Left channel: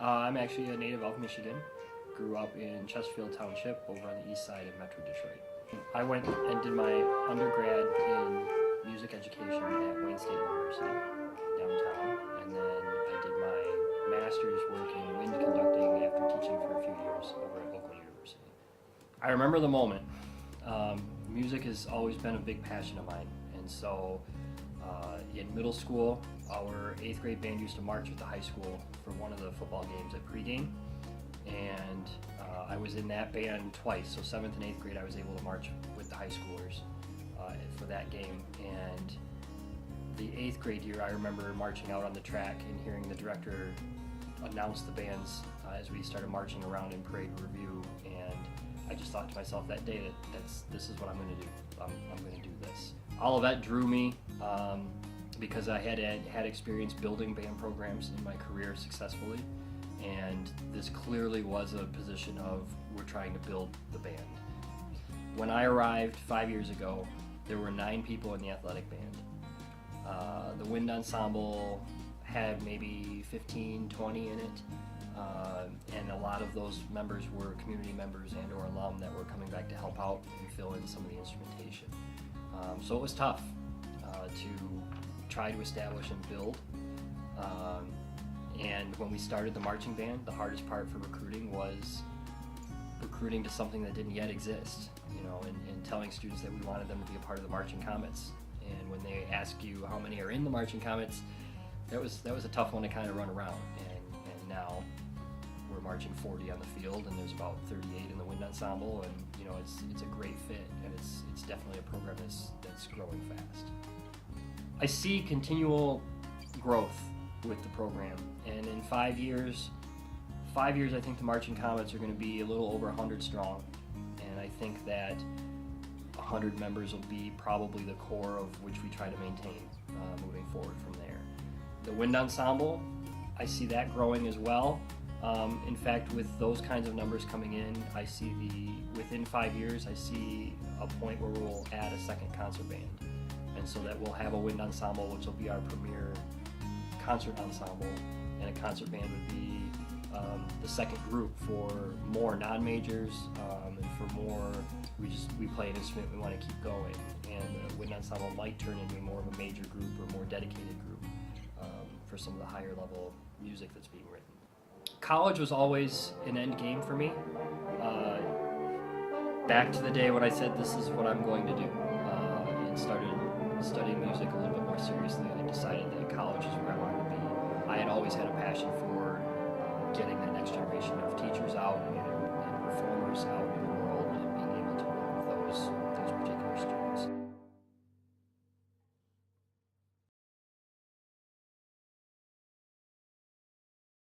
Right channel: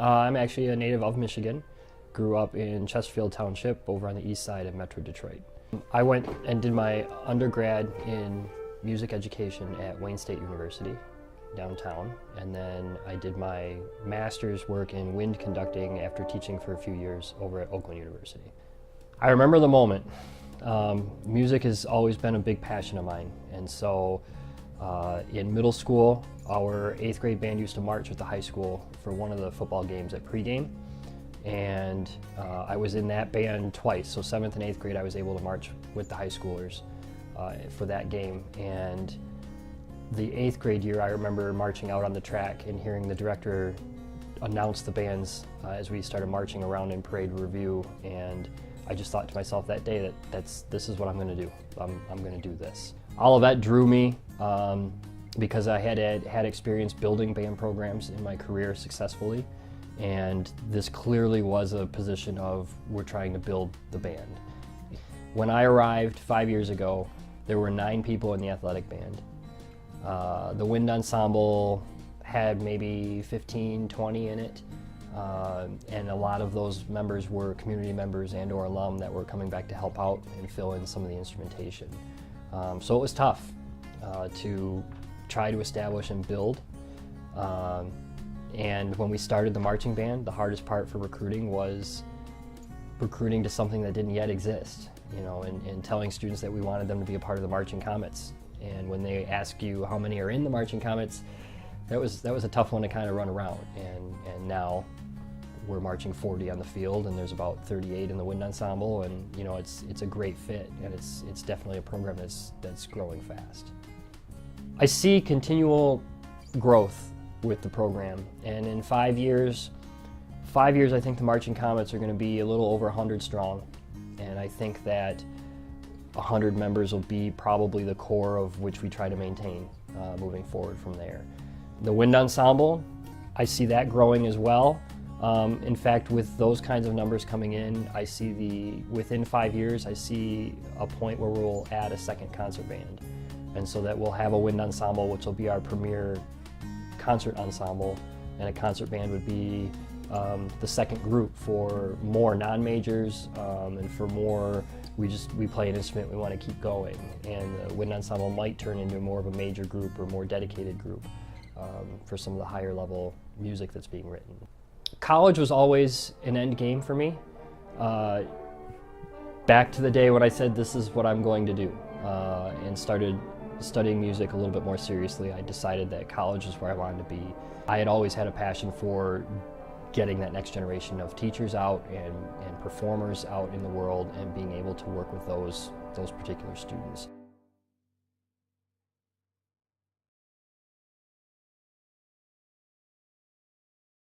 I'm actually a native of Michigan. Grew up in Chesterfield Township over on the east side of Metro Detroit. I went and did my undergrad in music education at Wayne State University downtown, and then I did my master's work in wind conducting after teaching for a few years over at Oakland University. I remember the moment. Music has always been a big passion of mine, and so in middle school, our 8th grade band used to march with the high school for one of the football games at pregame, and I was in that band twice. So 7th and 8th grade, I was able to march with the high schoolers for that game. And the 8th grade year, I remember marching out on the track and hearing the director announce the bands as we started marching around in parade review, and I just thought to myself that day that this is what I'm going to do. I'm going to do this. All of that drew me because I had experience building band programs in my career successfully, and this clearly was a position of we're trying to build the band. When I arrived 5 years ago, there were 9 people in the athletic band. The wind ensemble had maybe 15, 20 in it. And a lot of those members were community members and or alum that were coming back to help out and fill in some of the instrumentation. So it was tough to try to establish and build. And when we started the marching band, the hardest part for recruiting was recruiting to something that didn't yet exist, and telling students that we wanted them to be a part of the Marching Comets. And when they ask you how many are in the Marching Comets, that was a tough one to kind of run around. And now we're marching 40 on the field, and there's about 38 in the wind ensemble, and it's a great fit, and it's definitely a program that's growing fast. I see continual growth with the program, and in 5 years, I think the Marching Comets are going to be a little over 100 strong, and I think that 100 members will be probably the core of which we try to maintain moving forward from there. The wind ensemble, I see that growing as well. In fact, with those kinds of numbers coming in, I see within 5 years, I see a point where we'll add a second concert band. And so that we'll have a wind ensemble, which will be our premier concert ensemble, and a concert band would be the second group for more non-majors, and for more, we play an instrument, we want to keep going. And the wind ensemble might turn into more of a major group or more dedicated group for some of the higher level music that's being written. College was always an end game for me. Back to the day when I said this is what I'm going to do, and started studying music a little bit more seriously, I decided that college is where I wanted to be. I had always had a passion for getting that next generation of teachers out and performers out in the world, and being able to work with those particular students.